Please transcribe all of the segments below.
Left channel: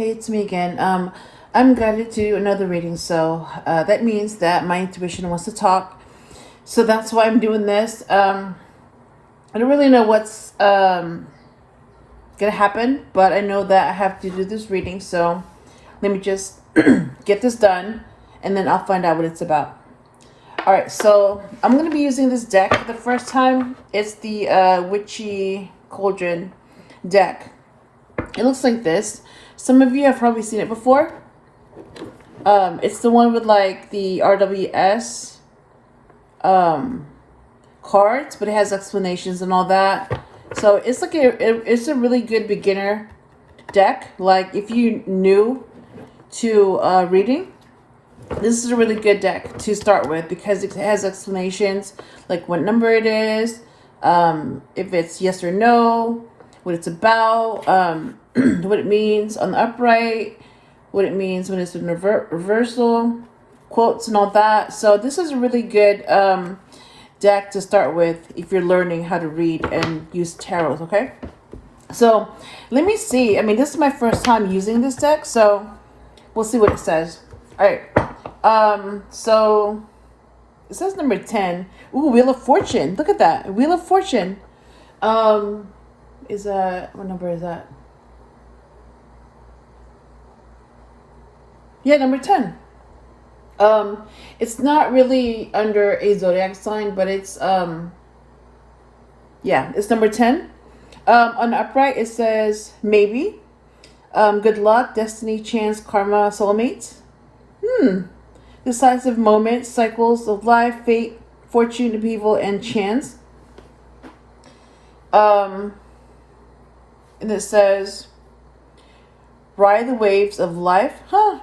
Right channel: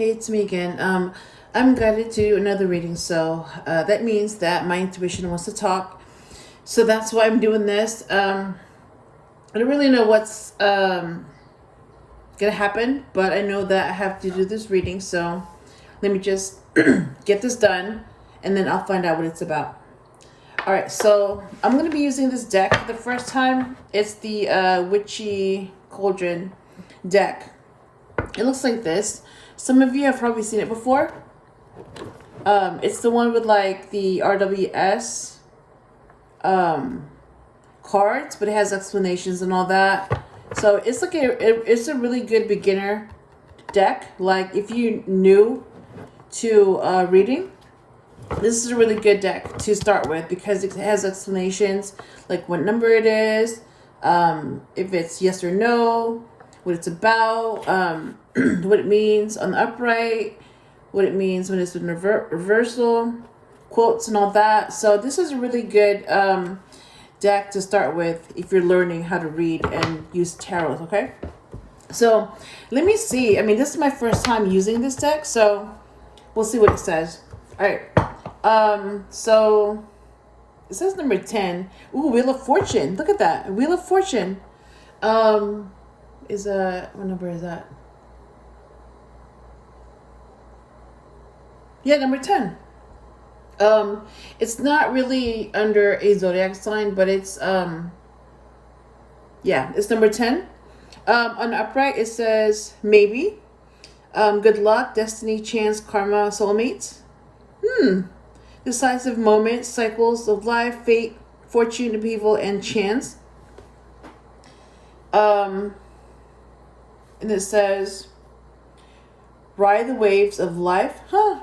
Hey, it's me again. I'm guided to do another reading, so that means that my intuition wants to talk. So that's why I'm doing this. I don't really know what's gonna happen, but I know that I have to do this reading. So let me just get this done, and then I'll find out what it's about. All right, so I'm gonna be using this deck for the first time. It's the Witchy Cauldron deck. It looks like this. Some of you have probably seen it before. It's the one with like the RWS cards, but it has explanations and all that. So it's like it's a really good beginner deck. Like if you new to reading, this is a really good deck to start with because it has explanations like what number it is, if it's yes or no, what it's about, what it means on the upright, what it means when it's in reversal, quotes and all that. So this is a really good deck to start with if you're learning how to read and use tarot, okay? So let me see. I mean, this is my first time using this deck, so we'll see what it says. All right. So it says number 10. Ooh, Wheel of Fortune. Look at that. Wheel of Fortune. Is that, what number is that? Yeah, number 10. It's not really under a zodiac sign, but it's yeah, it's number 10. On the upright it says maybe. Good luck, destiny, chance, karma, soulmates. Decisive moments, cycles of life, fate, fortune, upheaval, and chance. And it says ride the waves of life.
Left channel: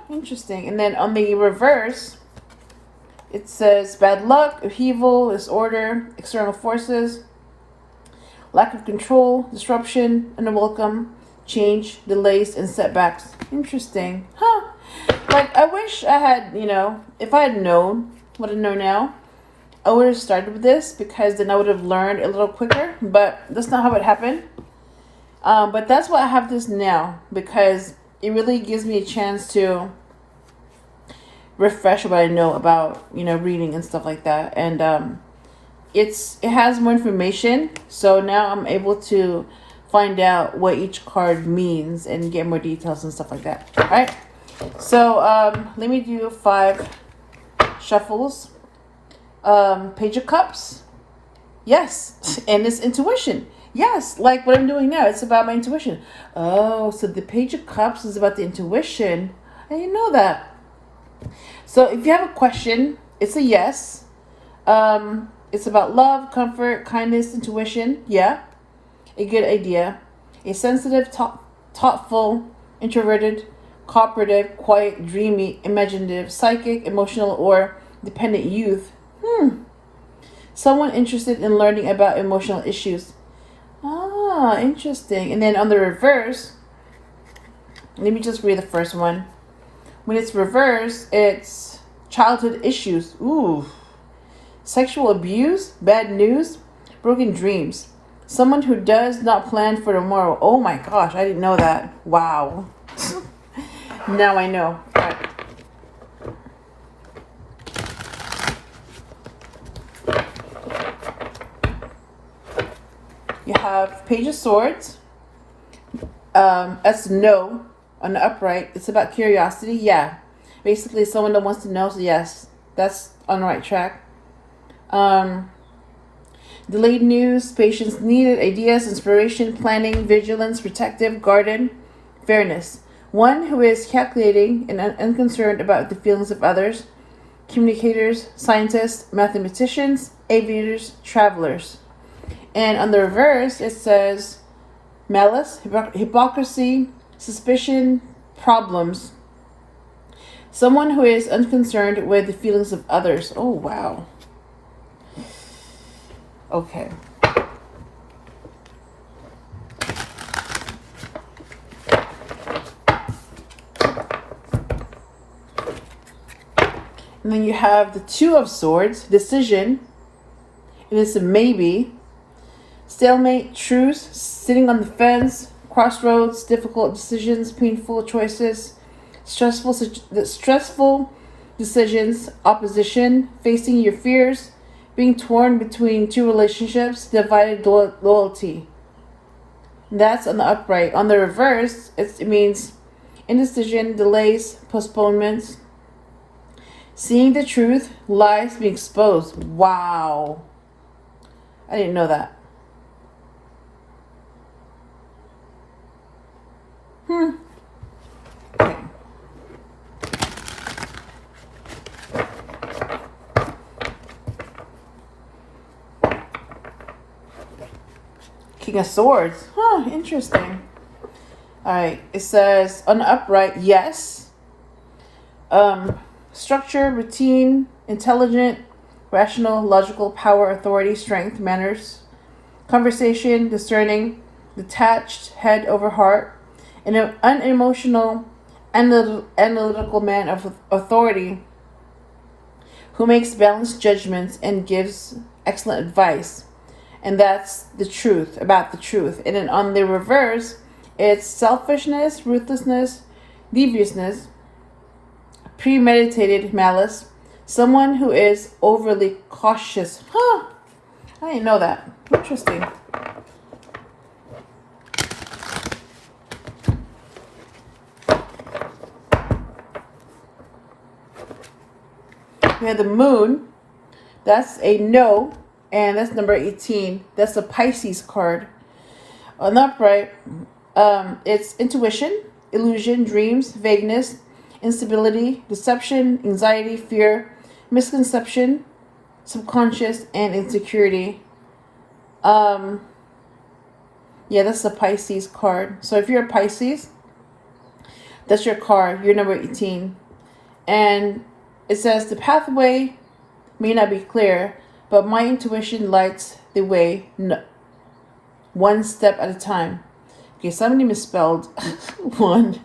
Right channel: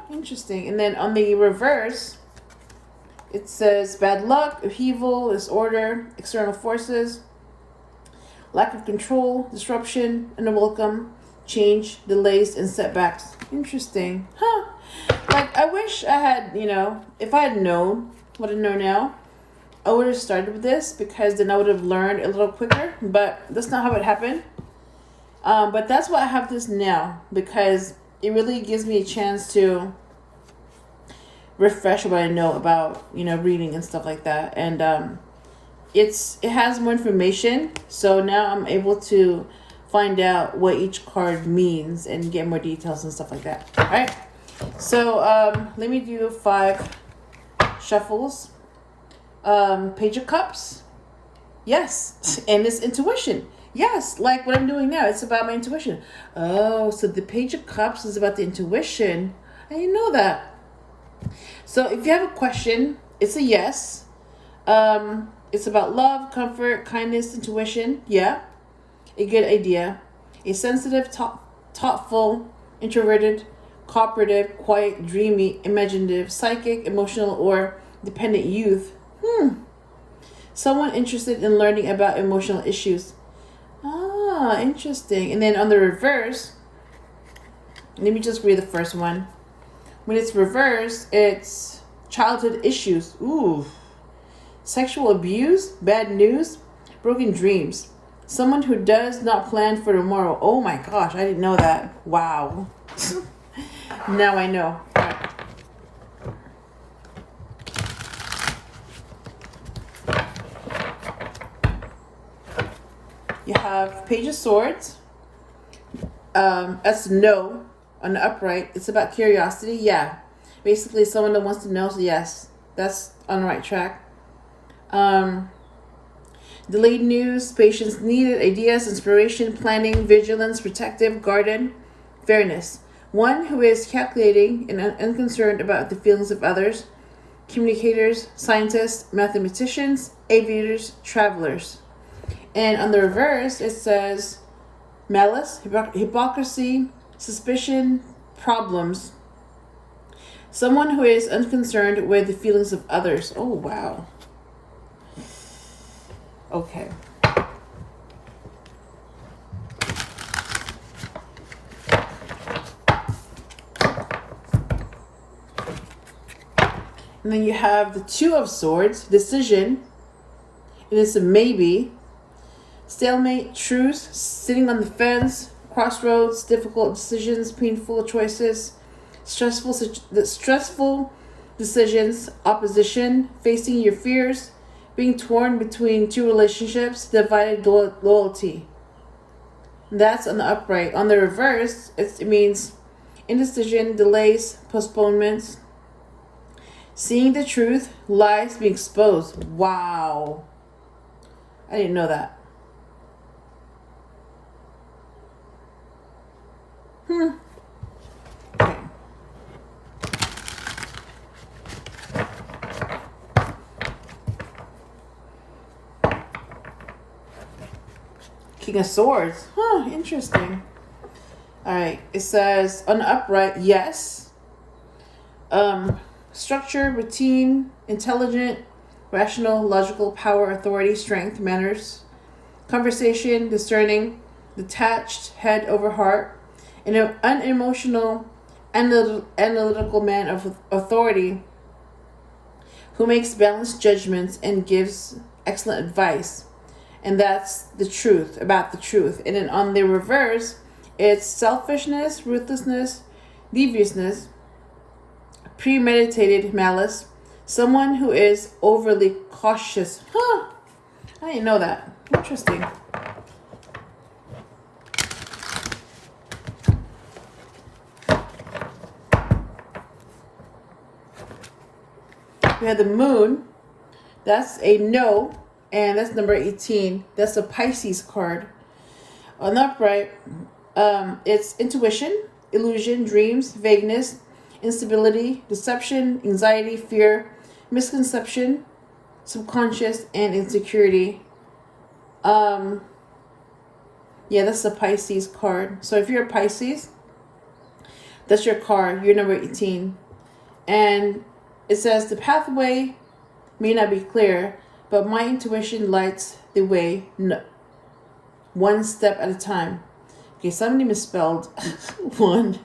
Interesting. And then on the reverse, it says bad luck, upheaval, disorder, external forces, lack of control, disruption, unwelcome, change, delays, and setbacks. Interesting. Like, I wish I had, if I had known what I know now, I would have started with this because then I would have learned a little quicker, but that's not how it happened. But that's why I have this now, because it really gives me a chance to refresh what I know about, reading and stuff like that. And it has more information, so now I'm able to find out what each card means and get more details and stuff like that. All right. So let me do 5 shuffles. Page of Cups. Yes. And it's intuition. Yes, like what I'm doing now. It's about my intuition. Oh, so the Page of Cups is about the intuition. I didn't know that. So if you have a question, it's a yes. It's about love, comfort, kindness, intuition. Yeah. A good idea. A sensitive, thoughtful, introverted, cooperative, quiet, dreamy, imaginative, psychic, emotional, or dependent youth. Someone interested in learning about emotional issues. Ah, interesting. And then on the reverse, let me just read the first one. When it's reversed, it's childhood issues. Ooh. Sexual abuse, bad news, broken dreams. Someone who does not plan for tomorrow. Oh my gosh, I didn't know that. Wow. Now I know. All right. You have Page of Swords. That's no on the upright. It's about curiosity. Yeah. Basically someone that wants to know. So yes, that's on the right track. Delayed news, patience needed, ideas, inspiration, planning, vigilance, protective, guarded, fairness. One who is calculating and unconcerned about the feelings of others. Communicators, scientists, mathematicians, aviators, travelers. And on the reverse, it says malice, hypocrisy, suspicion, problems. Someone who is unconcerned with the feelings of others. Oh, wow. Okay. And then you have the Two of Swords, decision. And it's a maybe. Stalemate, truce, sitting on the fence, crossroads, difficult decisions, painful choices, stressful decisions, opposition, facing your fears, being torn between two relationships, divided loyalty. That's on the upright. On the reverse, it means indecision, delays, postponements, seeing the truth, lies being exposed. Wow. I didn't know that. Okay. King of Swords. Huh, interesting. Alright, it says on the upright, yes. Structure, routine, intelligent, rational, logical, power, authority, strength, manners, conversation, discerning, detached, head over heart, an unemotional, analytical man of authority who makes balanced judgments and gives excellent advice. And that's the truth, about the truth. And then on the reverse, it's selfishness, ruthlessness, deviousness, premeditated malice, someone who is overly cautious. Huh, I didn't know that. Interesting. We have the moon. That's a no. And that's number 18. That's a Pisces card. On the upright, it's intuition, illusion, dreams, vagueness, instability, deception, anxiety, fear, misconception, subconscious, and insecurity. Yeah, that's a Pisces card. So if you're a Pisces, that's your card. You're number 18. And it says the pathway may not be clear, but my intuition lights the way, one step at a time. Okay, somebody misspelled one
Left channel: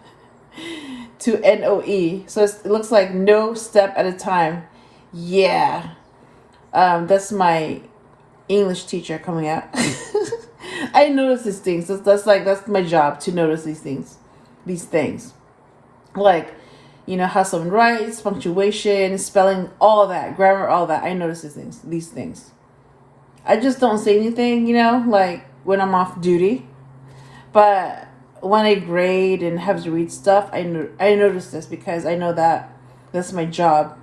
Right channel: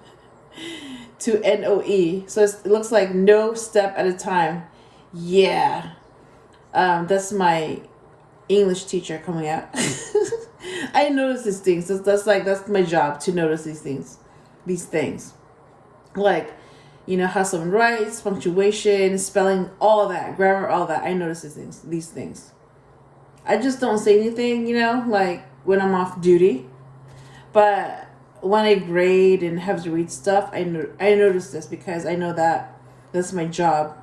to NOE. So it looks like no step at a time. Yeah. That's my English teacher coming out. I notice these things. That's my job, to notice these things. Like, you know, how someone writes, punctuation, spelling, all that, grammar, all that. I notice these things. I just don't say anything, you know, like when I'm off duty. But when I grade and have to read stuff, I notice this because I know that that's my job.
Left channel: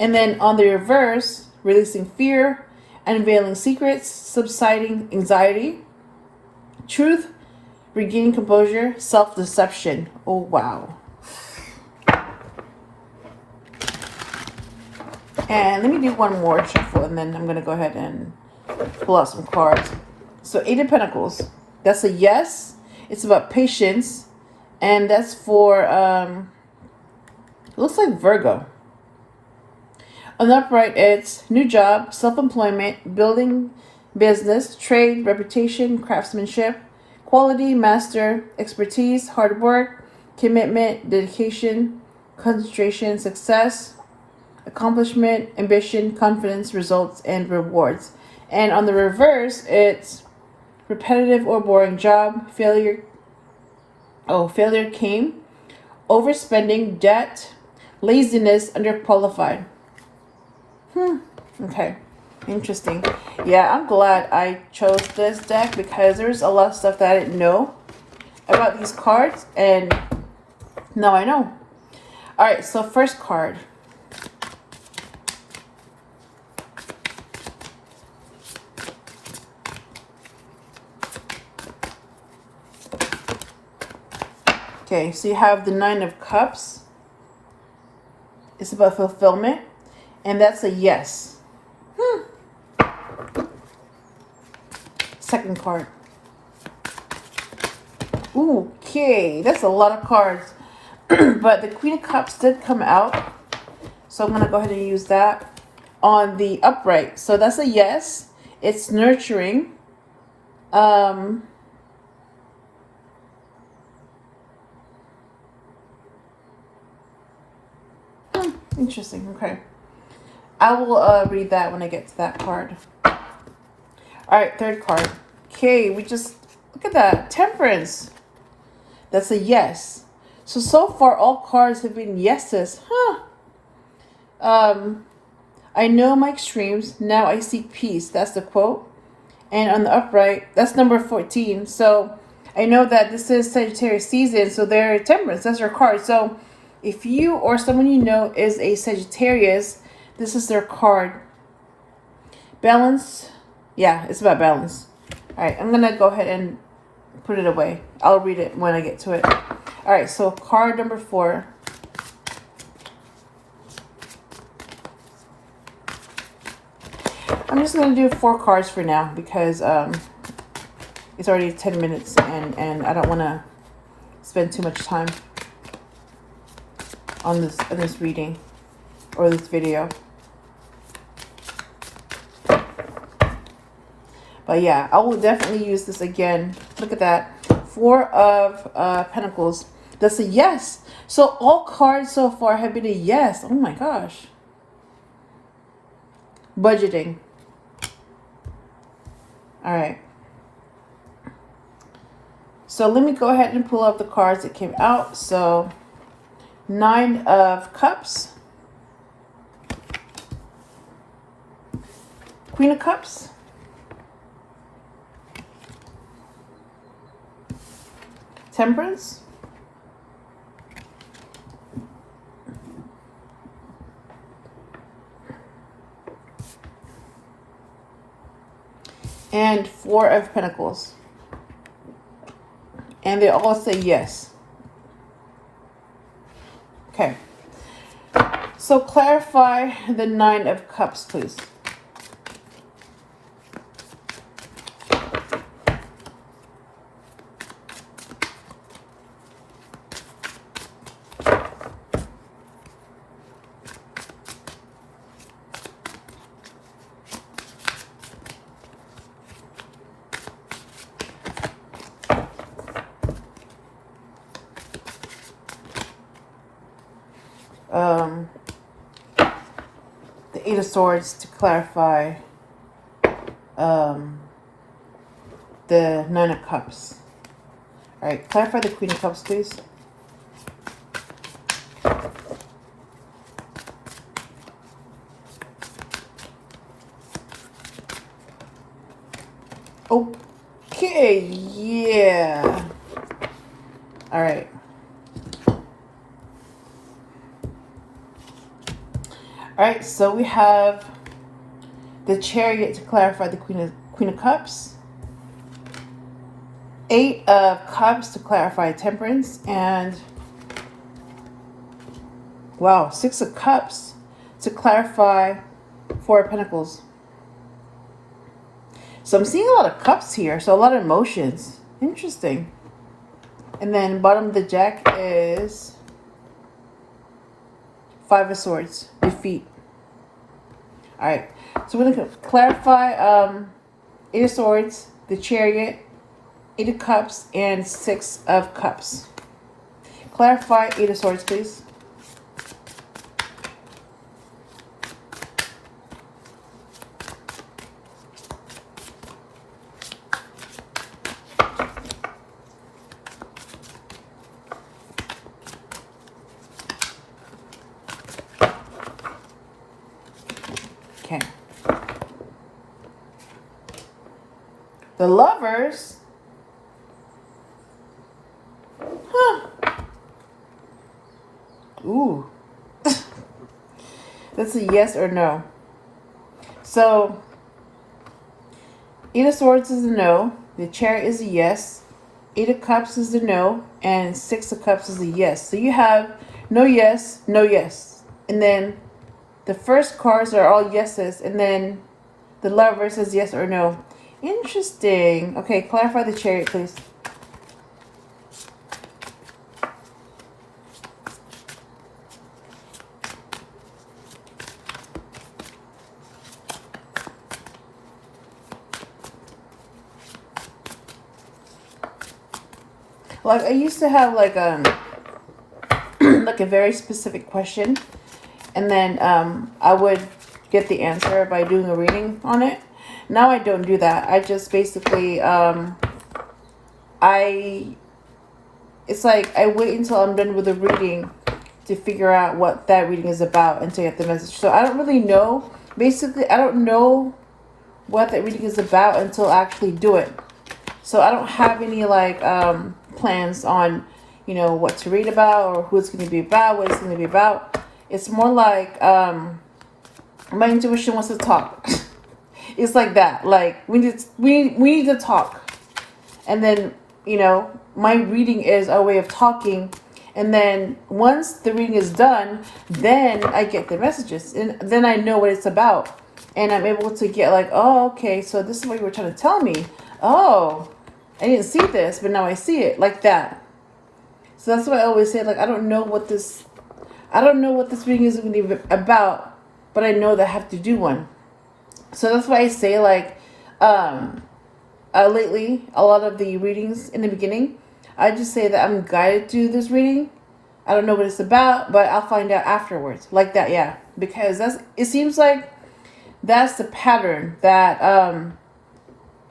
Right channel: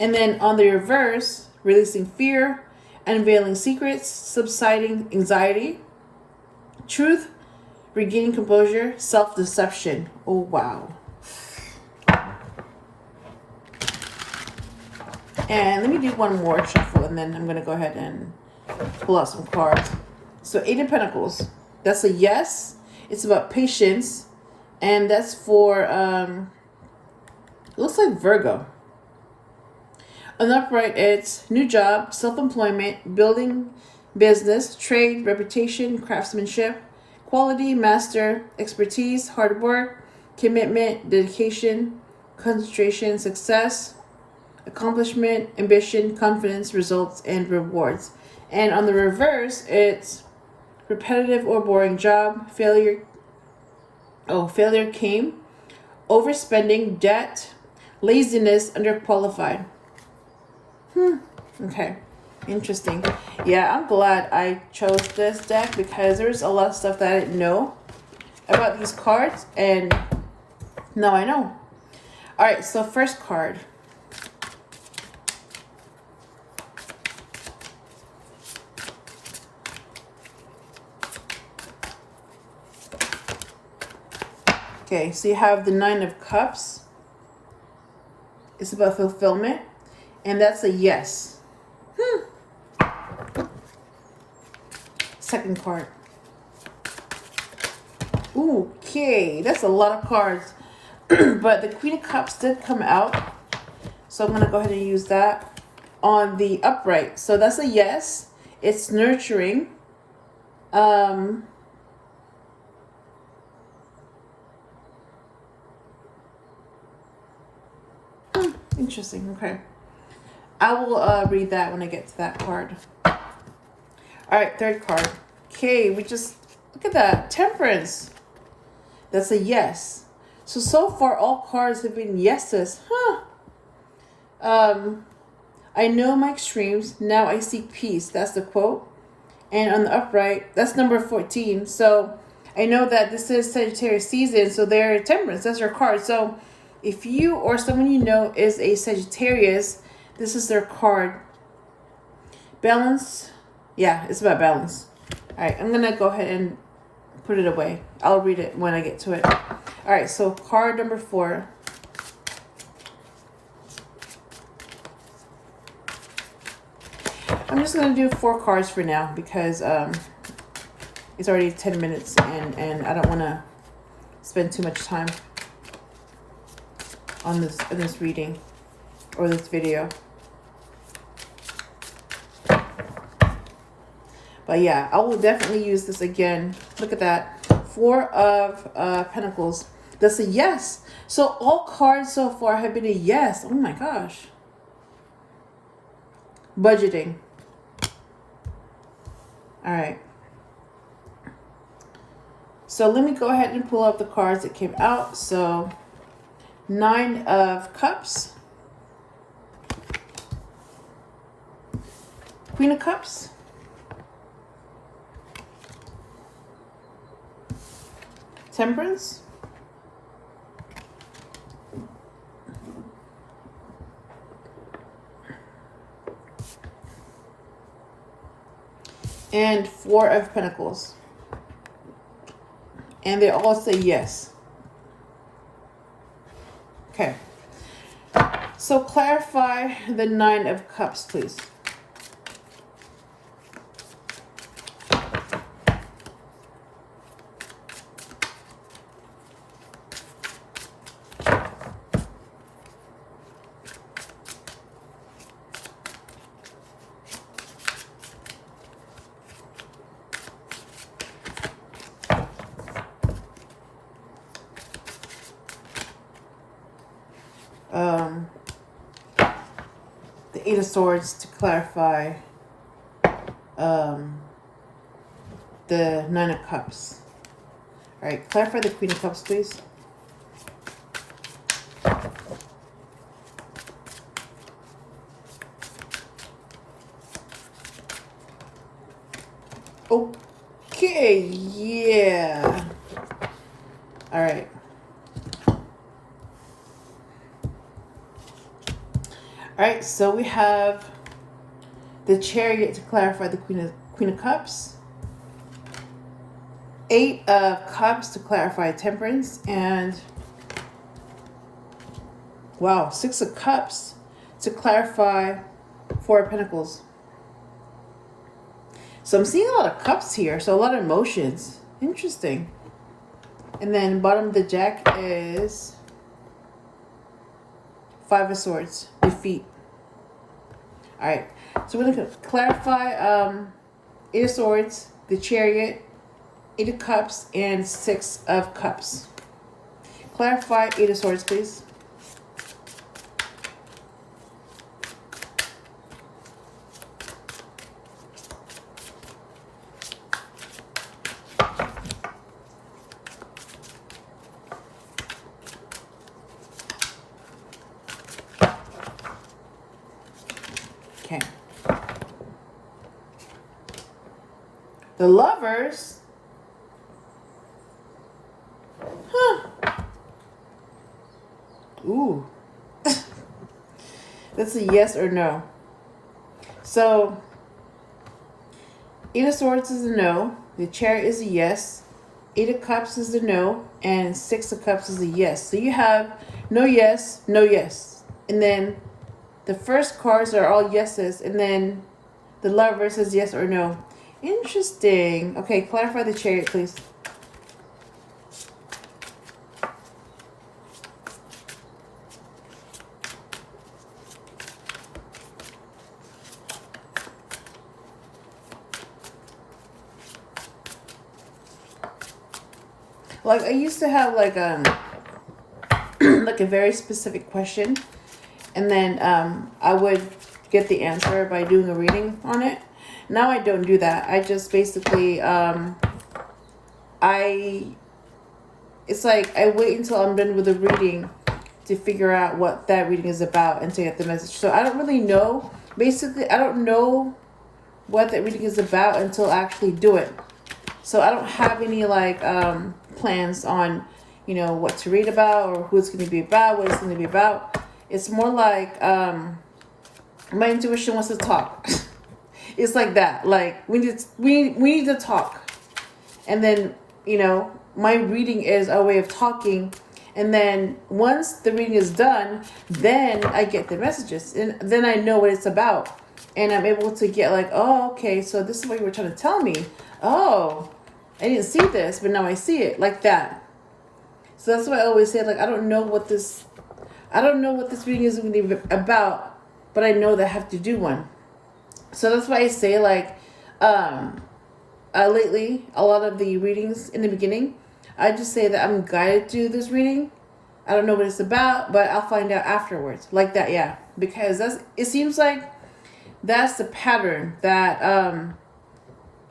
And then on the reverse, releasing fear, unveiling secrets, subsiding anxiety, truth, regaining composure, self-deception. Oh, wow. And let me do one more shuffle, and then I'm going to go ahead and pull out some cards. So 8 of Pentacles. That's a yes. It's about patience. And that's for, looks like Virgo. On the upright, it's new job, self-employment, building business, trade, reputation, craftsmanship, quality, master, expertise, hard work, commitment, dedication, concentration, success, accomplishment, ambition, confidence, results, and rewards. And on the reverse, it's repetitive or boring job, failure came, overspending, debt, laziness, underqualified. Okay, interesting. Yeah, I'm glad I chose this deck because there's a lot of stuff that I didn't know about these cards, and now I know. All right, so first card. Okay, so you have the 9 of Cups. It's about fulfillment, and that's a yes. Second card. Ooh, okay, that's a lot of cards. But the Queen of Cups did come out, so I'm going to go ahead and use that on the upright. So that's a yes. It's nurturing. Interesting. Okay. I will read that when I get to that card. All right, third card. Okay, we just Look at that. Temperance. That's a yes. So far, all cards have been yeses. Huh. I know my extremes. Now I seek peace. That's the quote. And on the upright, that's number 14. So I know that this is Sagittarius season. So they're temperance. That's your card. So if you or someone you know is a Sagittarius, this is their card. Balance. Yeah, it's about balance. All right, I'm going to go ahead and put it away. I'll read it when I get to it. All right, so card number 4. I'm just going to do 4 cards for now because it's already 10 minutes and I don't want to spend too much time on this reading or this video. But yeah, I will definitely use this again. Look at that. 4 of Pentacles. That's a yes. So all cards so far have been a yes. Oh my gosh. Budgeting. All right. So let me go ahead and pull up the cards that came out. So 9 of Cups. Queen of Cups. Temperance. And 4 of Pentacles. And they all say yes. Okay. So clarify the 9 of Cups, please. The 8 of Swords to clarify the 9 of Cups. All right, clarify the Queen of Cups, please. Okay, yeah. All right. All right, so we have the Chariot to clarify the Queen of Cups. 8 of Cups to clarify Temperance. And, wow, 6 of Cups to clarify 4 of Pentacles. So I'm seeing a lot of cups here, so a lot of emotions. Interesting. And then bottom of the deck is 5 of Swords, defeat. All right, so we're going to clarify 8 of Swords, the Chariot, 8 of Cups, and 6 of Cups. Clarify 8 of Swords, please. Okay. The Lovers. Huh. Ooh. That's a yes or no. So, 8 of Swords is a no. The Chariot is a yes. 8 of Cups is a no. And 6 of Cups is a yes. So you have no yes, no yes. And then the first cards are all yeses, and then the Lover says yes or no. Interesting. Okay, clarify the Chariot, please. Like I used to have like like a very specific question, and then I would get the answer by doing a reading on it. Now I don't do that. I just basically it's like I wait until I'm done with the reading to figure out what that reading is about and to get the message. So I don't really know. Basically, I don't know what that reading is about until I actually do it. So I don't have any like plans on, you know, what to read about or who it's going to be about, what it's going to be about. It's more like my intuition wants to talk. It's like that. Like we need to talk, and then, you know, my reading is a way of talking. And then once the reading is done, then I get the messages, and then I know what it's about, and I'm able to get like, oh, okay, so this is what you were trying to tell me. Oh, I didn't see this, but now I see it, like that. So that's why I always say, like, I don't know what this reading is going to be about, but I know that I have to do one. So that's why I say, like, lately, a lot of the readings in the beginning, I just say that I'm guided to do this reading. I don't know what it's about, but I'll find out afterwards. Like that, yeah. Because it seems like that's the pattern that,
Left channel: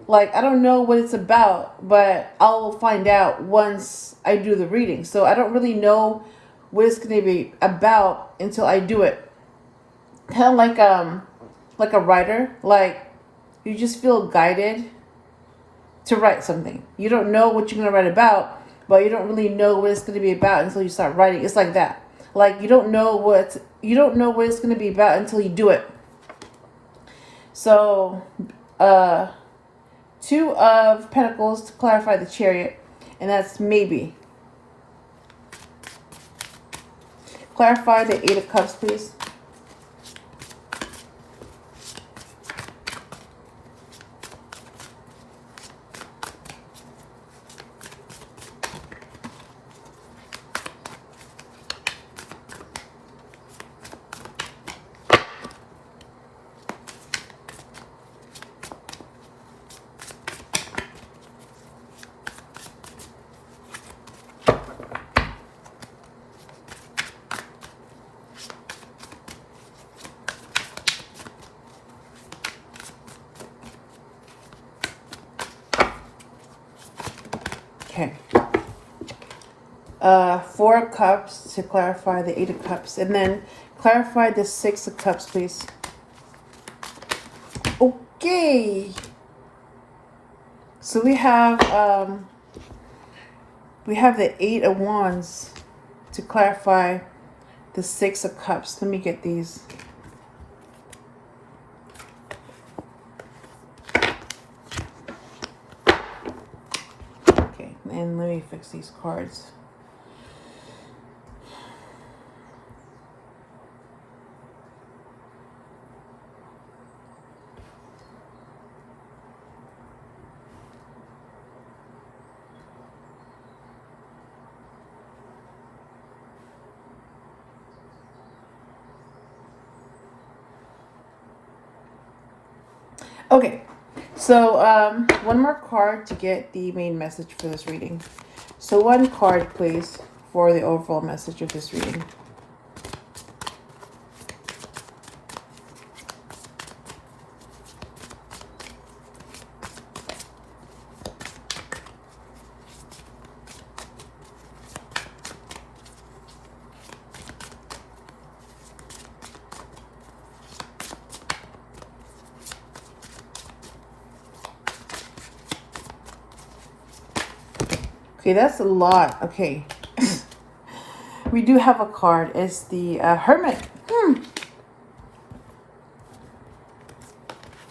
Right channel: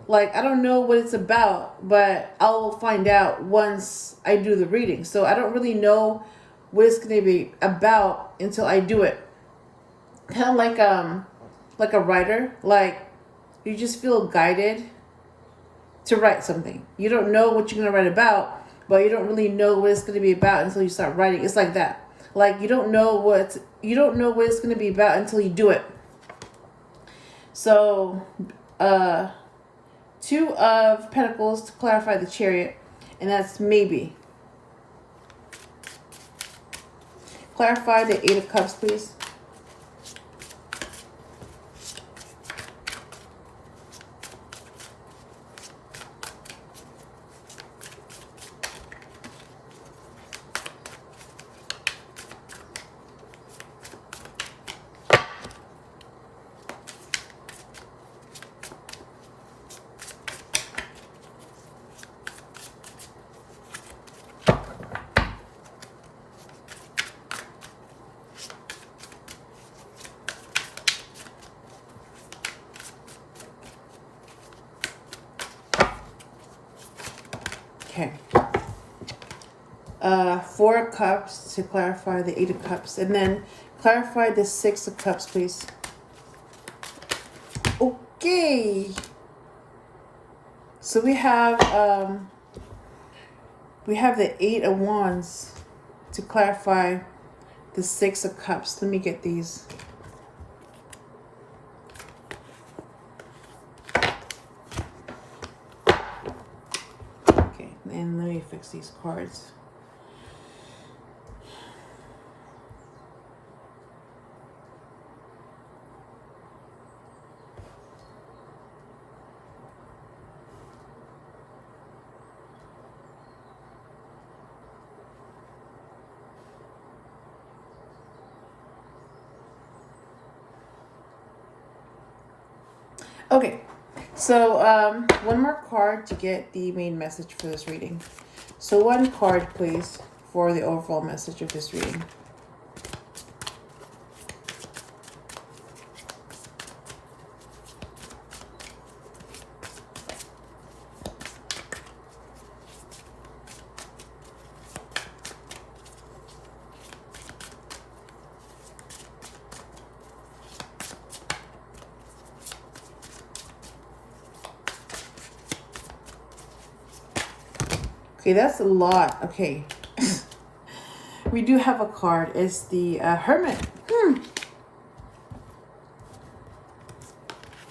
like, I don't know what it's about, but I'll find out once I do the reading. So I don't really know what it's going to be about until I do it. Kind of like a writer. Like, you just feel guided to write something. You don't know what you're going to write about, but you don't really know what it's going to be about until you start writing. It's like that. Like, you don't know what it's going to be about until you do it. So, 2 of Pentacles to clarify the Chariot, and that's maybe. Clarify the 8 of Cups, please. Okay. 4 of Cups to clarify the 8 of Cups. And then clarify the 6 of Cups, please. Okay. So we have the 8 of Wands to clarify the 6 of Cups. Let me get these. Okay, and let me fix these cards. Okay, so one more card to get the main message for this reading. So 1 card, please, for the overall message of this reading. Okay, that's a lot. Okay. We do have a card. It's the Hermit.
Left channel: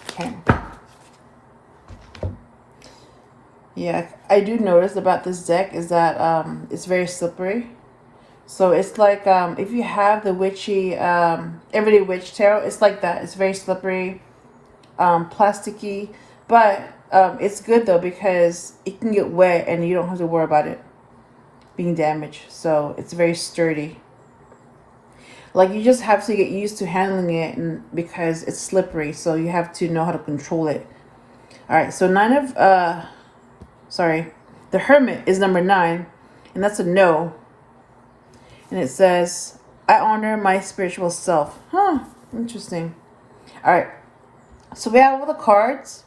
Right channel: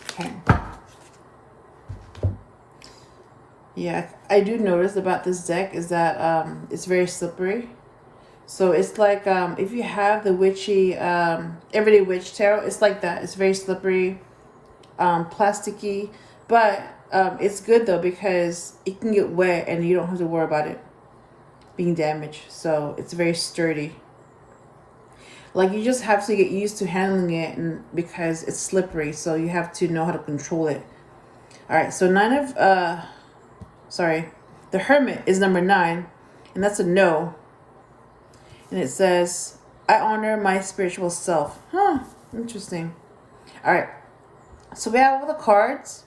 Okay. Yeah, I do notice about this deck is that it's very slippery. So it's like if you have the Witchy Everyday Witch Tarot, it's like that. It's very slippery, plasticky, but it's good though because it can get wet and you don't have to worry about it being damaged. So it's very sturdy. Like, you just have to get used to handling it, and because it's slippery, so you have to know how to control it. All right, so the Hermit is number 9, and that's a no. And it says, I honor my spiritual self. Huh, interesting. All right, so we have all the cards.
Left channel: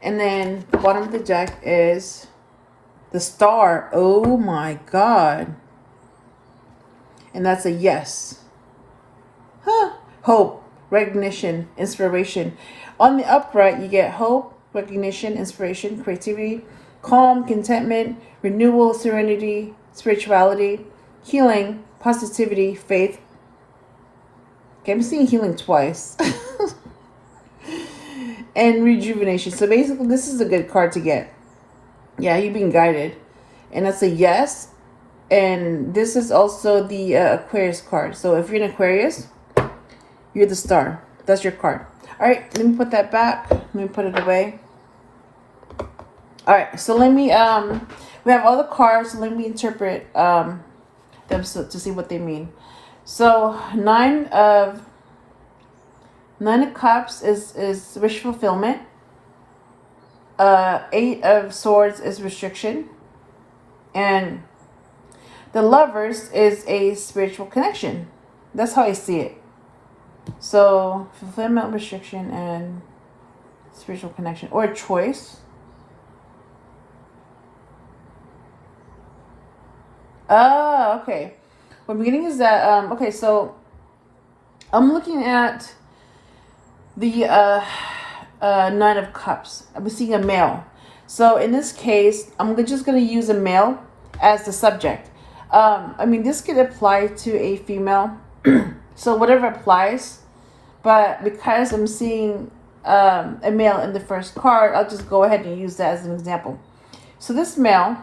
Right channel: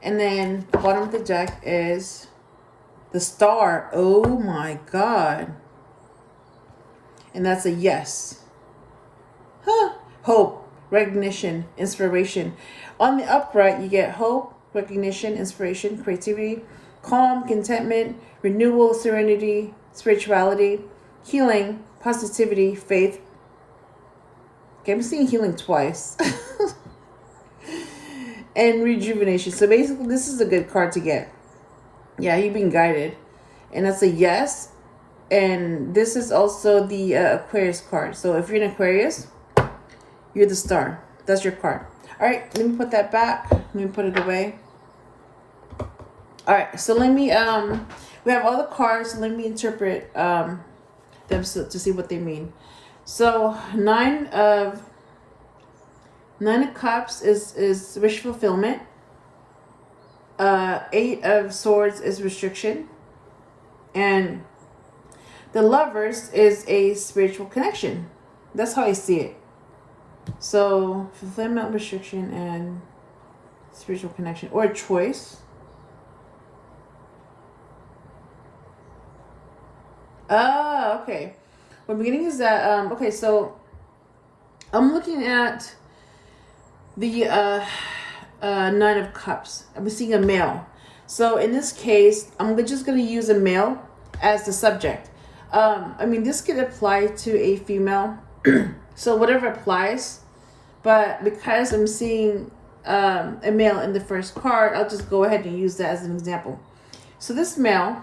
And then the bottom of the deck is The Star. Oh my God. And that's a yes. Huh. Hope, recognition, inspiration. On the upright, you get hope, recognition, inspiration, creativity, calm, contentment, renewal, serenity, spirituality, healing, positivity, faith. Okay, I'm seeing healing twice. And rejuvenation. So basically, this is a good card to get. Yeah, you're being guided. And that's a yes. And this is also the Aquarius card. So if you're an Aquarius, you're the Star. That's your card. All right, let me put that back. Let me put it away. All right, so let me, we have all the cards. So let me interpret them to see what they mean. So Nine of Cups is wish fulfillment. Eight of Swords is restriction. And the Lovers is a spiritual connection. That's how I see it. So fulfillment, restriction, and spiritual connection, or choice. Ah, okay. What I'm getting is that okay, so I'm looking at the Nine of Cups. I'm seeing a male. So in this case, I'm just going to use a male as the subject. I mean, this could apply to a female. So whatever applies. But because I'm seeing a male in the first card, I'll just go ahead and use that as an example. So this male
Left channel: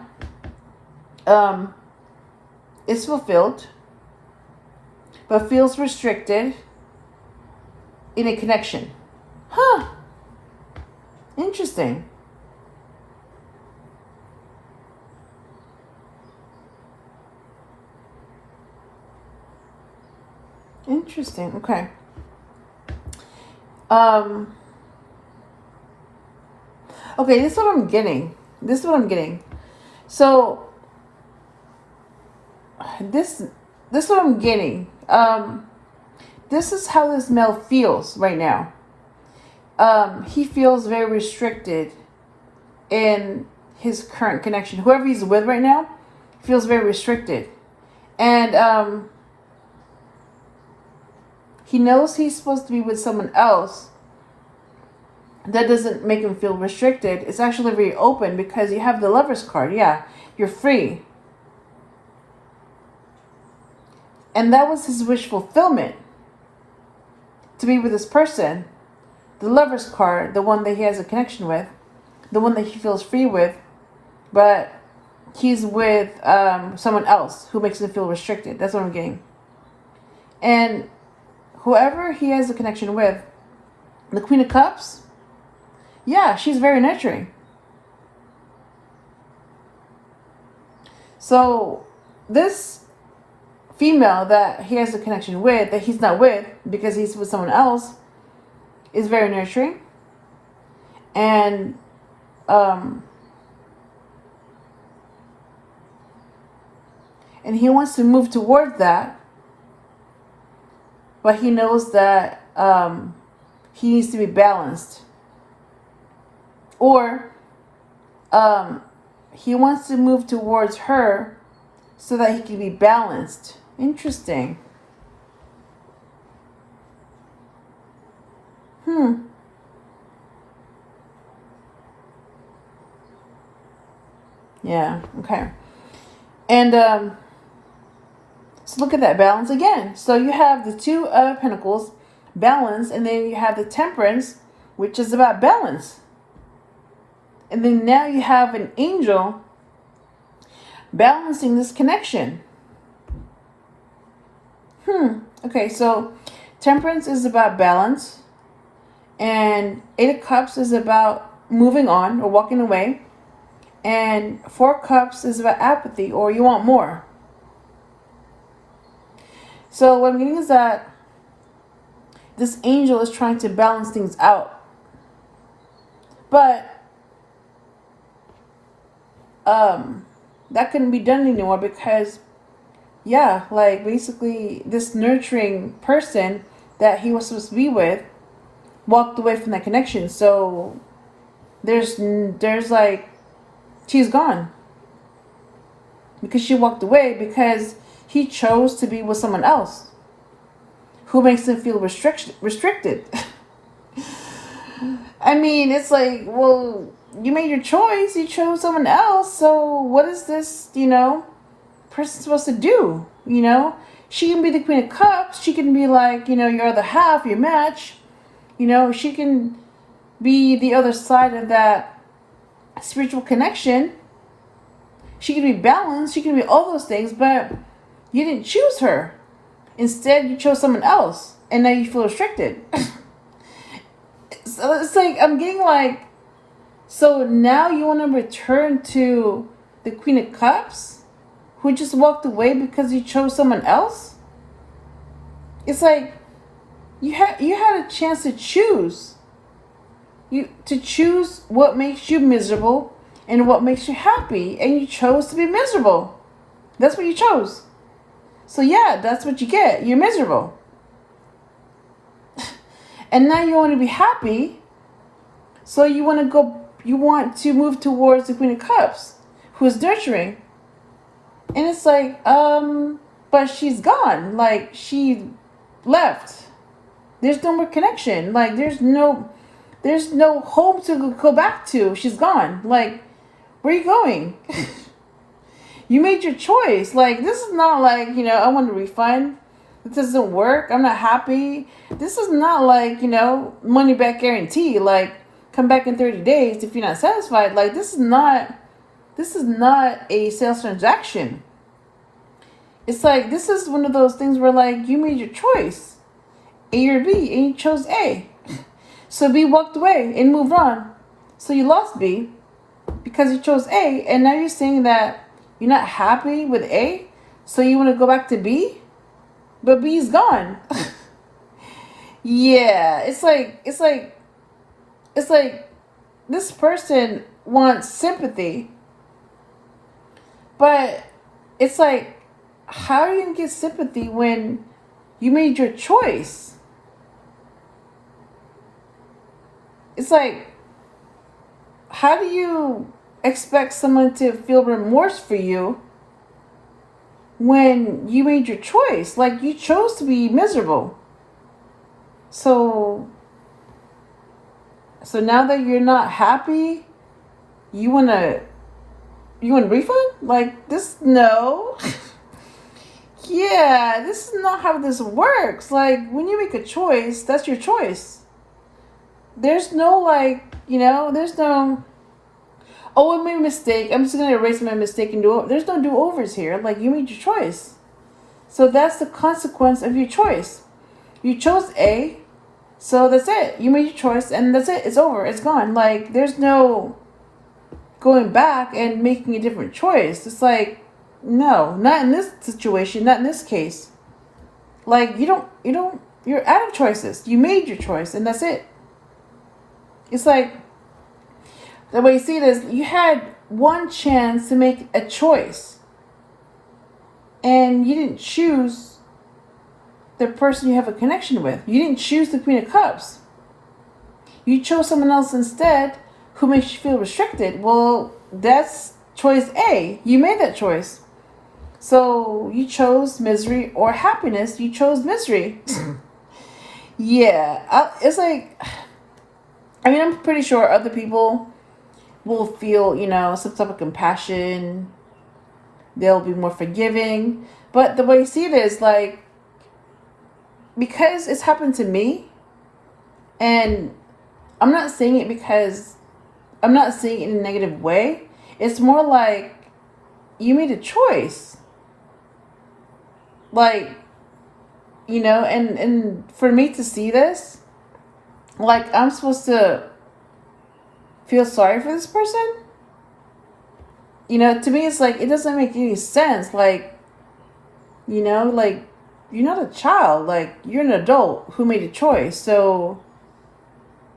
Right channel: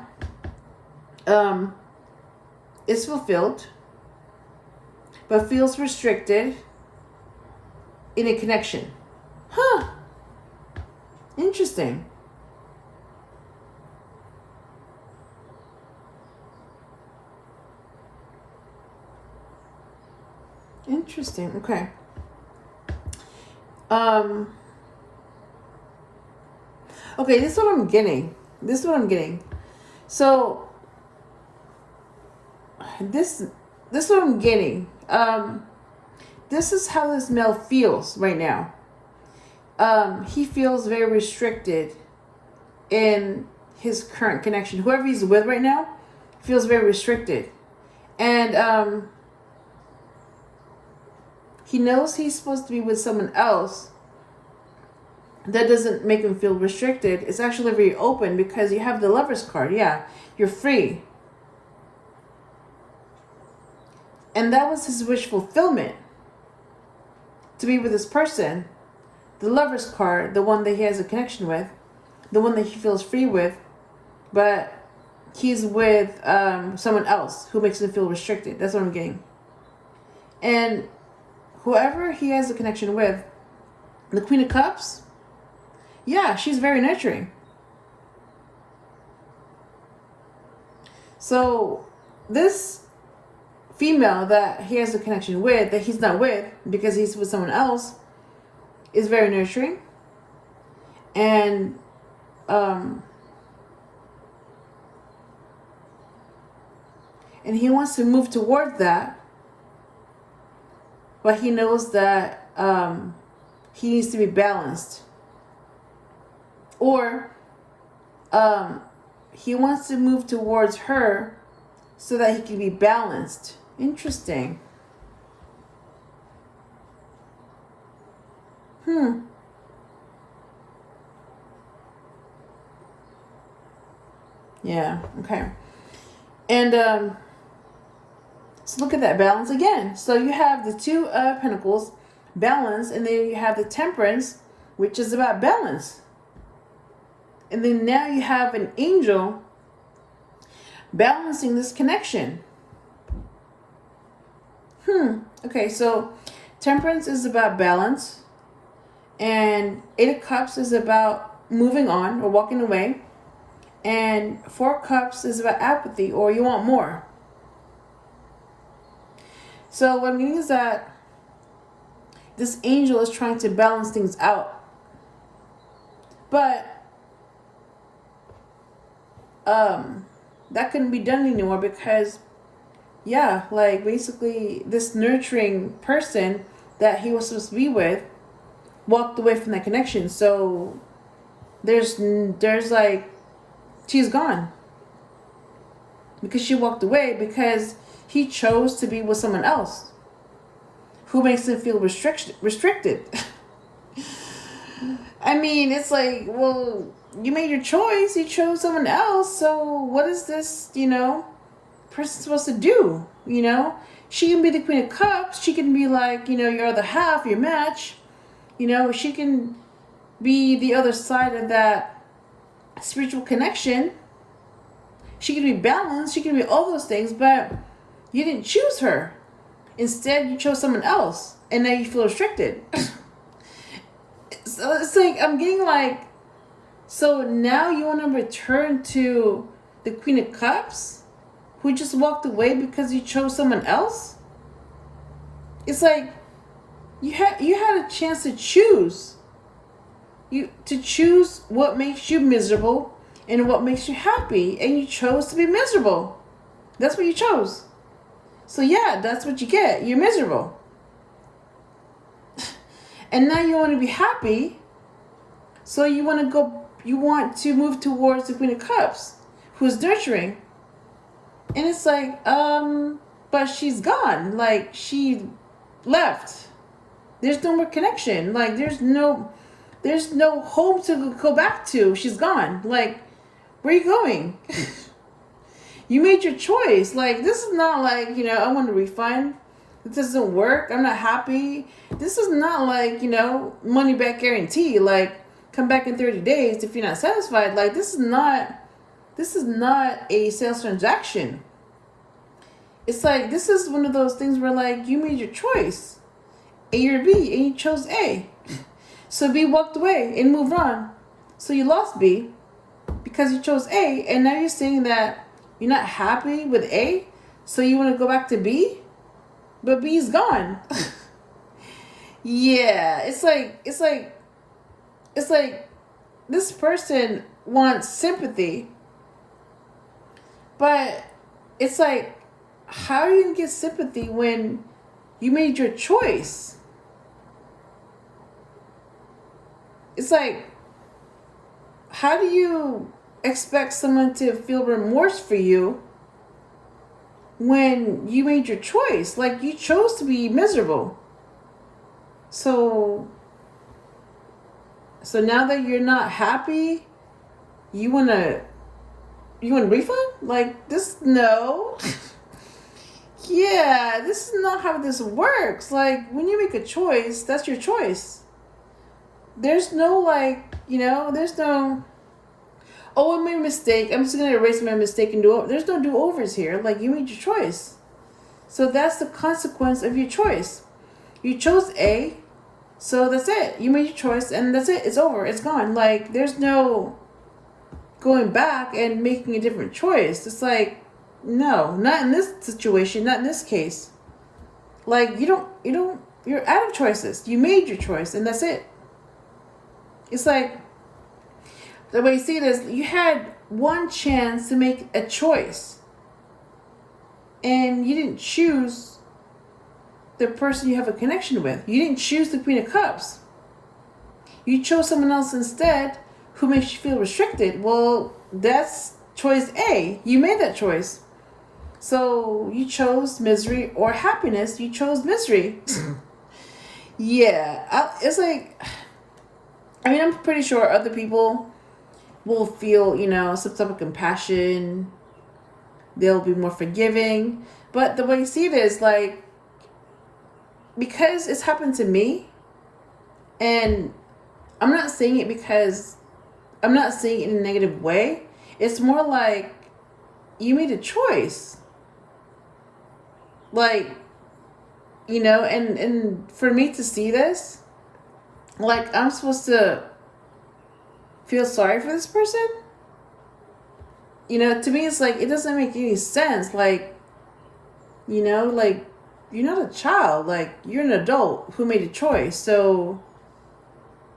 is fulfilled, but feels restricted in a connection. Huh. Interesting. Interesting. Okay. Okay, this is what I'm getting. So this is what I'm getting. This is how this male feels right now. He feels very restricted in his current connection. Whoever he's with right now feels very restricted. And he knows he's supposed to be with someone else. That doesn't make him feel restricted. It's actually very open because you have the Lover's card. Yeah, you're free. And that was his wish fulfillment. To be with this person. The Lover's card, the one that he has a connection with. The one that he feels free with. But he's with someone else who makes him feel restricted. That's what I'm getting. And whoever he has a connection with, the Queen of Cups, yeah, she's very nurturing. So this female that he has a connection with, that he's not with because he's with someone else, is very nurturing. And he wants to move toward that, but he knows that he needs to be balanced. Or he wants to move towards her so that he can be balanced. Interesting. Yeah, okay. And so look at that balance again. So you have the Two of Pentacles, balance, and then you have the Temperance, which is about balance. And then now you have an angel balancing this connection. Okay, so Temperance is about balance. And Eight of Cups is about moving on or walking away. And Four Cups is about apathy, or you want more. So what I'm getting is that this angel is trying to balance things out. But that couldn't be done anymore because, yeah, like basically this nurturing person that he was supposed to be with walked away from that connection. So there's like, she's gone. because she walked away because he chose to be with someone else who makes him feel restricted. I mean, it's like, well, you made your choice. You chose someone else. So what is this, person supposed to do? She can be the Queen of Cups. She can be like, your other half, your match. She can be the other side of that spiritual connection. She can be balanced. She can be all those things, but you didn't choose her. Instead, you chose someone else, and now you feel restricted. So it's like, I'm getting like, so now you want to return to the Queen of Cups, who just walked away because you chose someone else? It's like, you had a chance to choose. To choose what makes you miserable and what makes you happy, and you chose to be miserable. That's what you chose. So yeah, that's what you get. You're miserable. And now you want to be happy. So you want to move towards the Queen of Cups, who's nurturing. And it's like, but she's gone. Like, she left. There's no more connection. Like, there's no home to go back to. She's gone. Like, where are you going? You made your choice. Like, this is not like, I want a refund. This doesn't work. I'm not happy. This is not like, money back guarantee. Like, come back in 30 days if you're not satisfied. Like, this is not a sales transaction. It's like, this is one of those things where, like, you made your choice. A or B, and you chose A. So B walked away and moved on. So you lost B because you chose A, and now you're saying that you're not happy with A, so you want to go back to B, but B's gone. Yeah, it's like this person wants sympathy, but it's like, how are you gonna get sympathy when you made your choice? It's like, how do you expect someone to feel remorse for you when you made your choice? Like, you chose to be miserable. So now that you're not happy, you want a refund? Like, this, no. Yeah, this is not how this works. Like, when you make a choice, that's your choice. There's no, like, there's no, oh, I made a mistake, I'm just going to erase my mistake and do it. There's no do-overs here. Like, you made your choice. So that's the consequence of your choice. You chose A, so that's it. You made your choice, and that's it. It's over. It's gone. Like, there's no going back and making a different choice. It's like, no, not in this situation, not in this case. Like, you're out of choices. You made your choice, and that's it. It's like, the way you see this, you had one chance to make a choice, and you didn't choose the person you have a connection with. You didn't choose the Queen of Cups. You chose someone else instead who makes you feel restricted. Well, that's choice A. You made that choice. So you chose misery or happiness. You chose misery. Yeah. It's like, I mean, I'm pretty sure other people will feel, some type of compassion. They'll be more forgiving. But the way you see it is, like, because it's happened to me, and I'm not saying it because I'm not saying it in a negative way. It's more like you made a choice. Like, and for me to see this, like, I'm supposed to feel sorry for this person? To me, it's like, it doesn't make any sense. Like, like, you're not a child. Like, you're an adult who made a choice. So,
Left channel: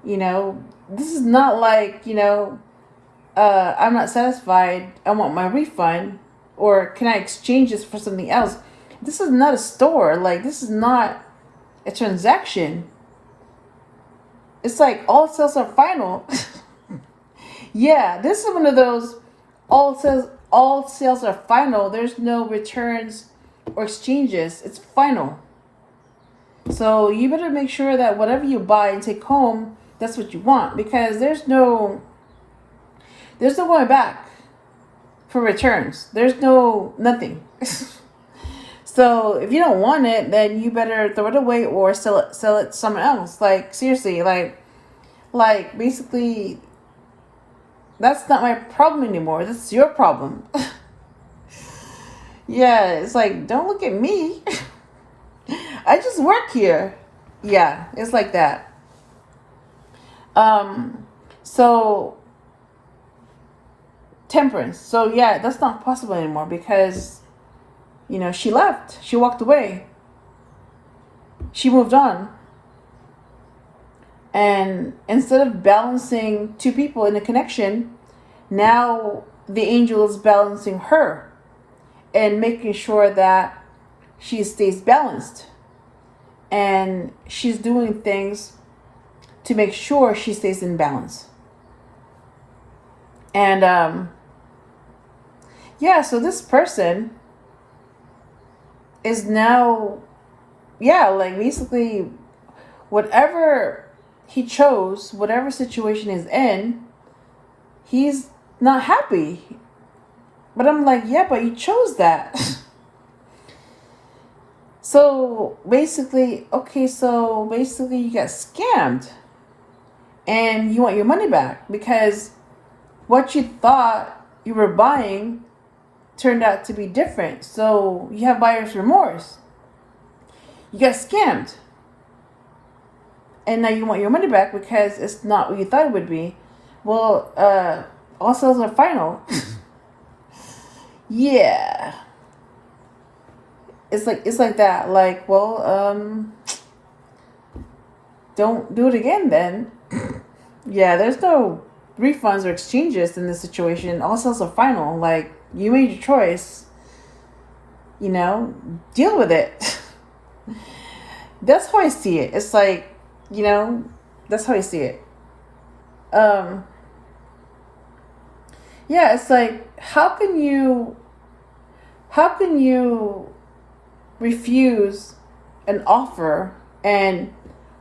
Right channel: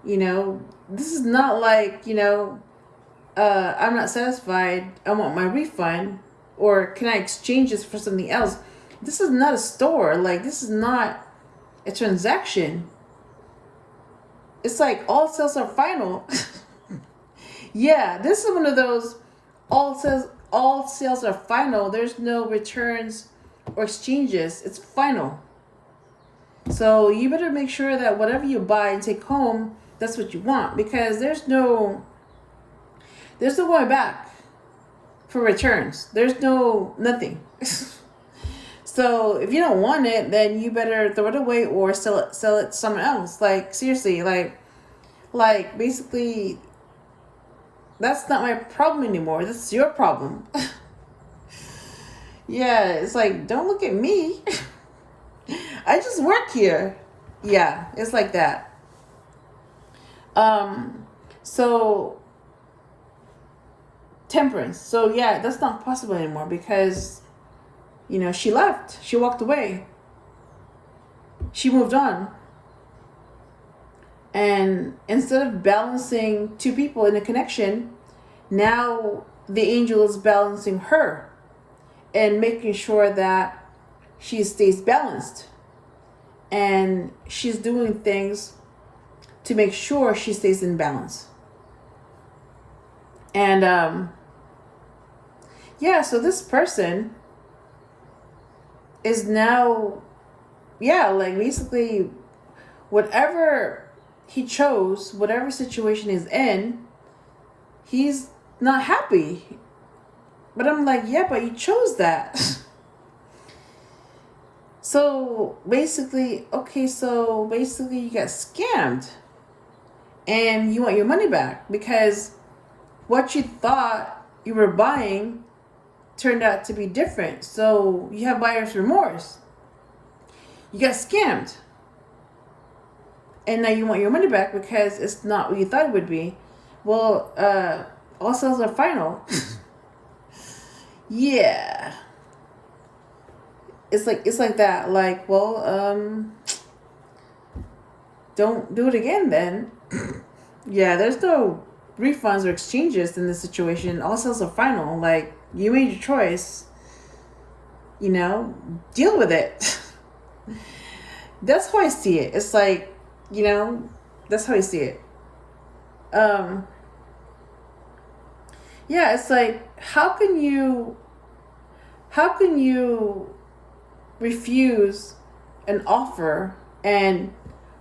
this is not like, I'm not satisfied, I want my refund, or can I exchange this for something else? This is not a store. Like, this is not a transaction. It's like, all sales are final. Yeah, this is one of those all all sales are final. There's no returns or exchanges. It's final. So you better make sure that whatever you buy and take home, that's what you want, because there's no going back for returns. There's nothing. So if you don't want it, then you better throw it away or sell it to someone else. Like, seriously, like basically, that's not my problem anymore. This is your problem. Yeah, it's like, don't look at me. I just work here. Yeah, it's like that. So Temperance. So yeah, that's not possible anymore because, she left. She walked away. She moved on. And instead of balancing two people in a connection, now the angel is balancing her and making sure that she stays balanced. And she's doing things to make sure she stays in balance. And so this person is now, like basically whatever he chose, whatever situation he's in, he's not happy. But I'm like, yeah, but you chose that. So basically you got scammed and you want your money back because what you thought you were buying turned out to be different. So you have buyer's remorse. You got scammed. And now you want your money back because it's not what you thought it would be. Well, all sales are final. Yeah. It's like that. Like, well, don't do it again then. Yeah, there's no refunds or exchanges in this situation. All sales are final. Like, you made your choice. Deal with it. That's how I see it. It's like, that's how I see it. Yeah, it's like, how can you refuse an offer and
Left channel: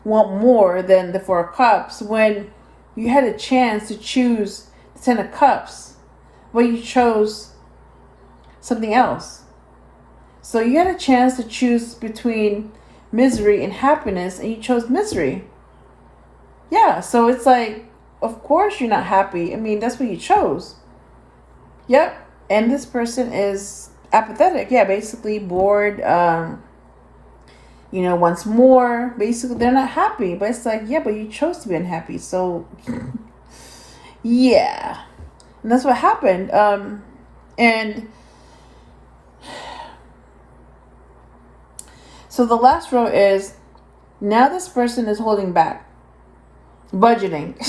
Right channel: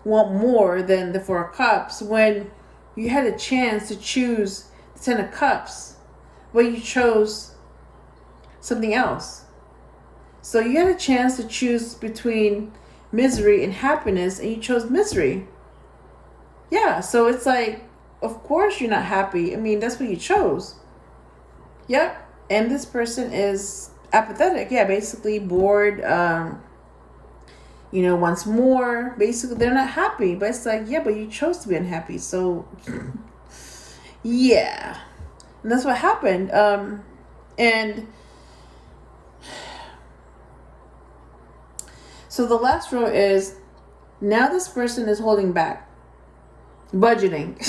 want more than the Four of Cups when you had a chance to choose the Ten of Cups, but you chose something else? So you had a chance to choose between misery and happiness, and you chose misery. Yeah, so it's like, of course you're not happy. I mean, that's what you chose. Yep. And this person is apathetic. Yeah, basically bored. Wants more. Basically, they're not happy. But it's like, yeah, but you chose to be unhappy. So, yeah. And that's what happened. And so the last row is, now this person is holding back. Budgeting.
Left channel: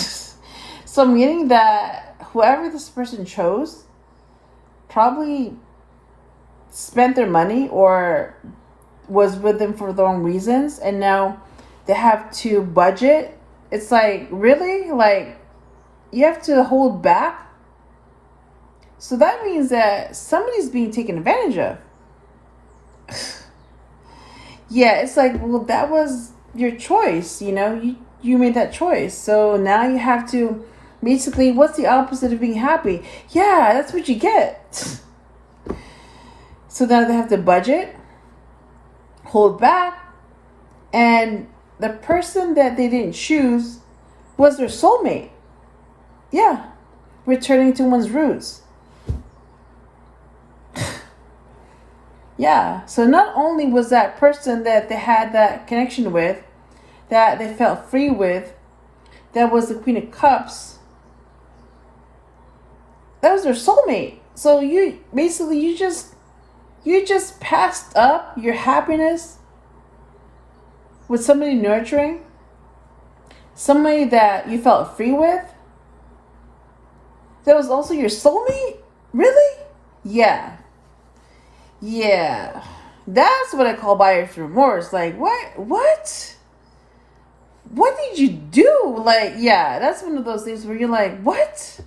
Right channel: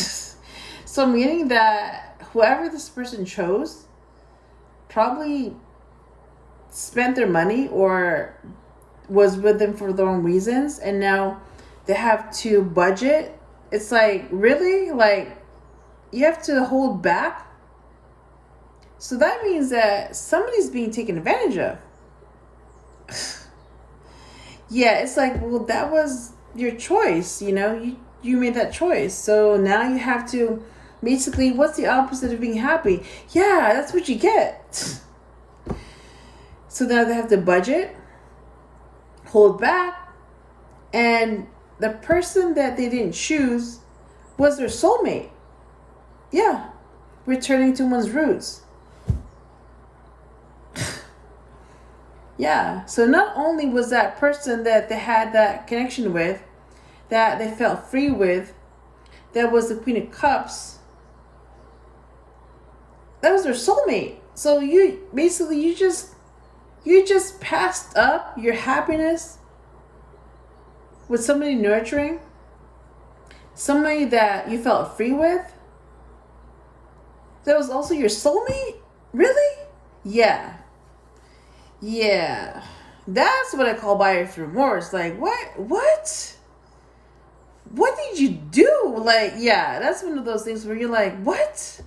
So I'm getting that whoever this person chose probably spent their money or was with them for the wrong reasons, and now they have to budget. It's like, really? Like, you have to hold back? So that means that somebody's being taken advantage of. Yeah, it's like, well, that was your choice, you made that choice. So now you have to basically, what's the opposite of being happy? Yeah, that's what you get. So now they have to budget, hold back, and the person that they didn't choose was their soulmate. Yeah, returning to one's roots. Yeah, so not only was that person that they had that connection with, that they felt free with, that was the Queen of Cups, that was their soulmate. So you just passed up your happiness with somebody nurturing, somebody that you felt free with, that was also your soulmate? Really? Yeah. That's what I call buyer's remorse. Like, what did you do? Like, yeah, that's one of those things where you're like, what?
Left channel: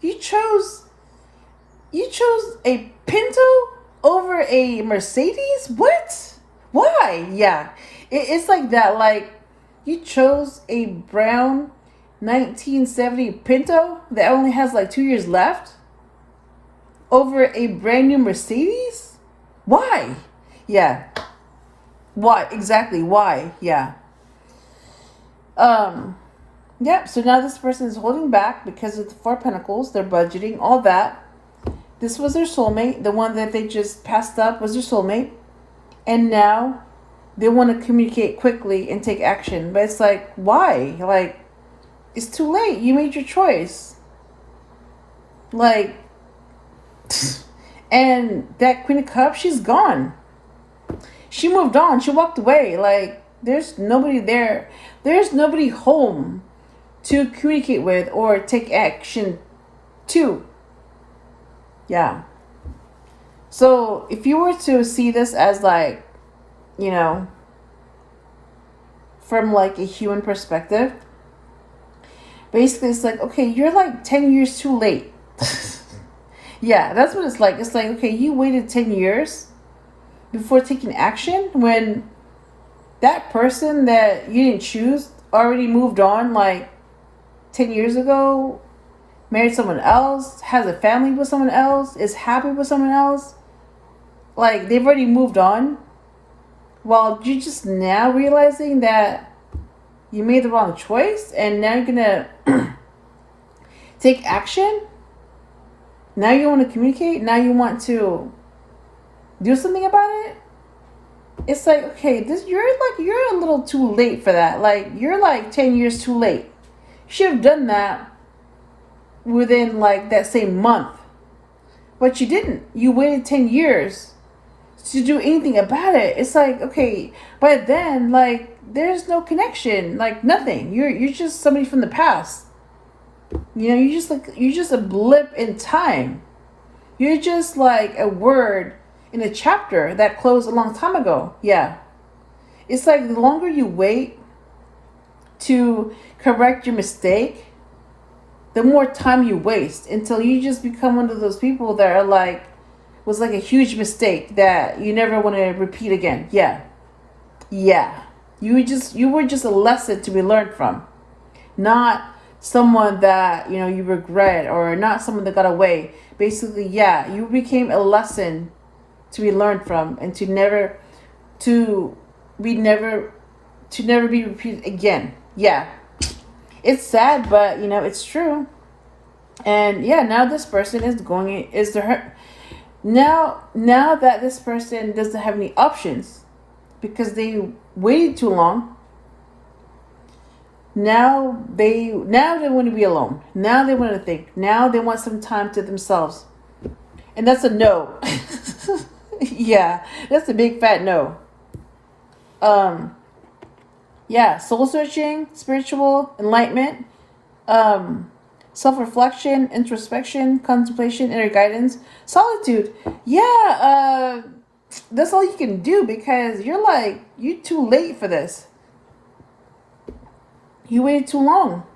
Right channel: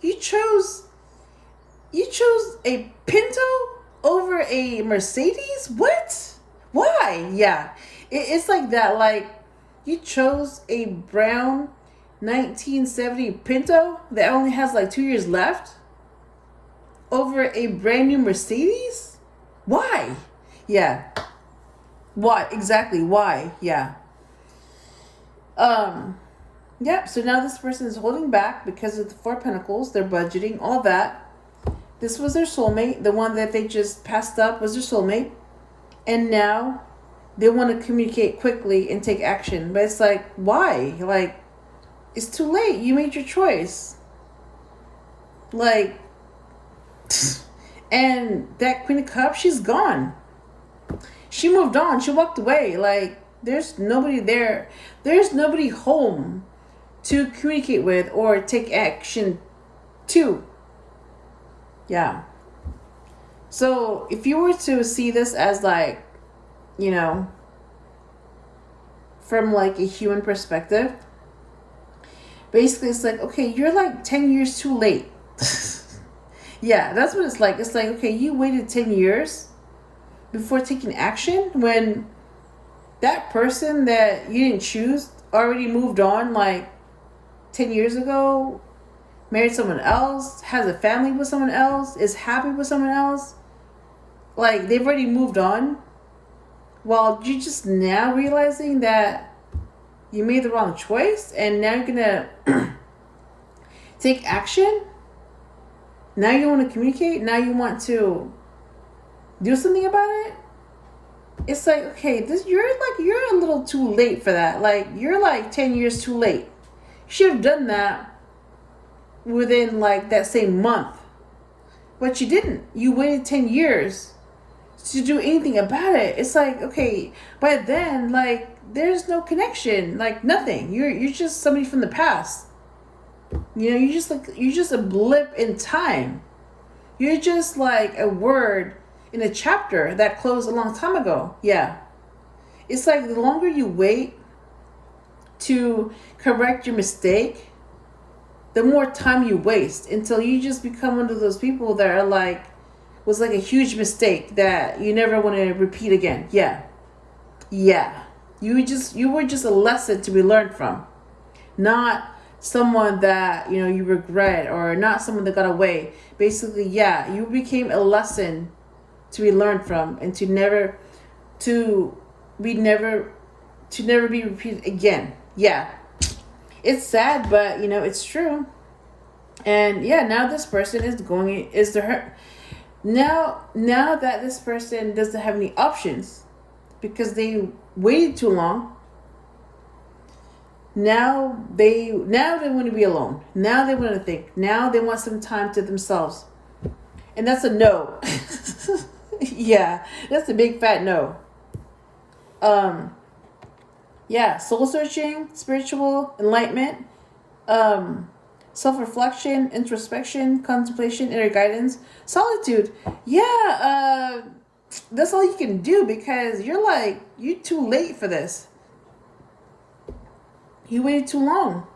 You chose You chose a Pinto over a Mercedes? What? Why? Yeah. It's like that. Like, you chose a brown 1970 Pinto that only has like 2 years left over a brand new Mercedes? Why? Yeah. Why? Exactly. Why? Yeah. Yep. So now this person is holding back because of the Four Pentacles. They're budgeting, all that. This was their soulmate. The one that they just passed up was their soulmate. And now they want to communicate quickly and take action. But it's like, why? Like, it's too late. You made your choice. Like, and that Queen of Cups, she's gone. She moved on. She walked away. Like, there's nobody there. There's nobody home to communicate with or take action to. Yeah. So if you were to see this as like, you know, from like a human perspective, basically it's like, okay, you're like 10 years too late. Yeah, that's what it's like. It's like, okay, you waited 10 years before taking action when that person that you didn't choose already moved on like 10 years ago, married someone else, has a family with someone else, is happy with someone else. Like, they've already moved on. Well, you're just now realizing that you made the wrong choice and now you're gonna take action. Now you want to communicate. Now you want to do something about it. It's like, okay, you're a little too late for that. Like, you're like 10 years too late. You should have done that within like that same month. But you didn't. You waited 10 years to do anything about it. It's like, okay, by then, like, there's no connection, like nothing. You're just somebody from the past. You know, you're just a blip in time. You're just like a word in a chapter that closed a long time ago. Yeah. It's like the longer you wait to correct your mistake, the more time you waste until you just become one of those people that are like, was like a huge mistake that you never want to repeat again. Yeah. Yeah. You were just a lesson to be learned from. Not someone that, you know, you regret, or not someone that got away. Basically, yeah, you became a lesson to be learned from and to never be repeated again. Yeah. It's sad, but you know, it's true. And yeah, now this person now that this person doesn't have any options because they waited too long. Now they want to be alone. Now they want to think. Now they want some time to themselves. And that's a no. Yeah, that's a big fat no. Yeah, soul searching, spiritual enlightenment, self-reflection, introspection, contemplation, inner guidance, solitude. Yeah, that's all you can do because you're too late for this. You waited too long.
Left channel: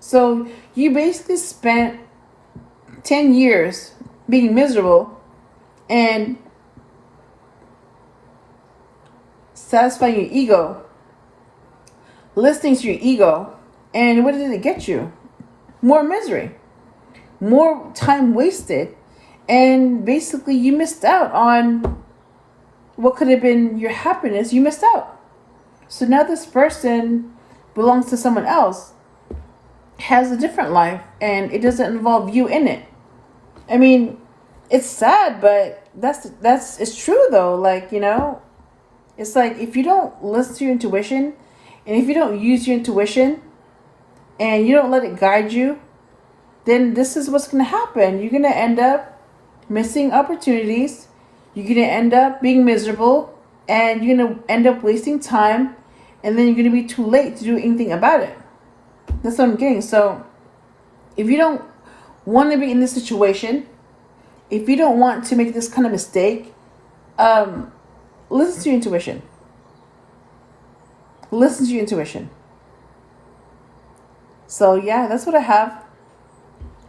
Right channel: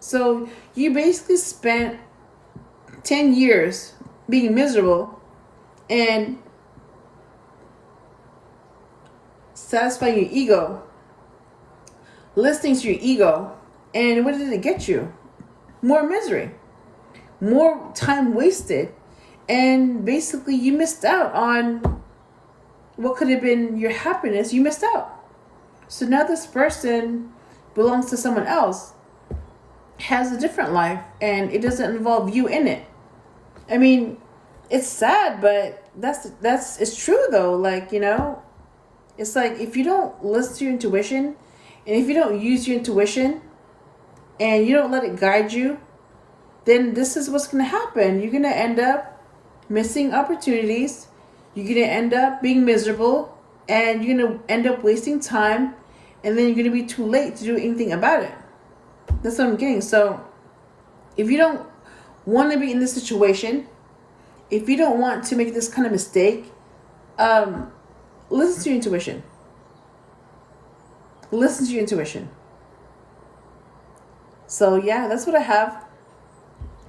So you basically spent 10 years being miserable and satisfying your ego, listening to your ego, and what did it get you? More misery, more time wasted, and basically you missed out on what could have been your happiness. You missed out. So now this person belongs to someone else, has a different life, and it doesn't involve you in it. I mean, it's sad, but it's true though. Like, you know, it's like if you don't listen to your intuition, and if you don't use your intuition, and you don't let it guide you, then this is what's going to happen. You're going to end up missing opportunities. You're going to end up being miserable, and you're going to end up wasting time, and then you're going to be too late to do anything about it. That's what I'm getting. So if you don't want to be in this situation, if you don't want to make this kind of mistake, listen to your intuition. Listen to your intuition. So yeah, that's what I have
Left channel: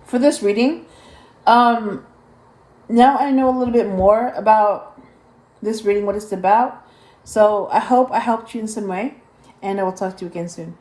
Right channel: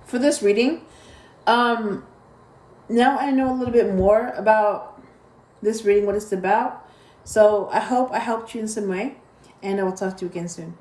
for this reading. now I know a little bit more about this reading, what it's about. So I hope I helped you in some way, and I will talk to you again soon.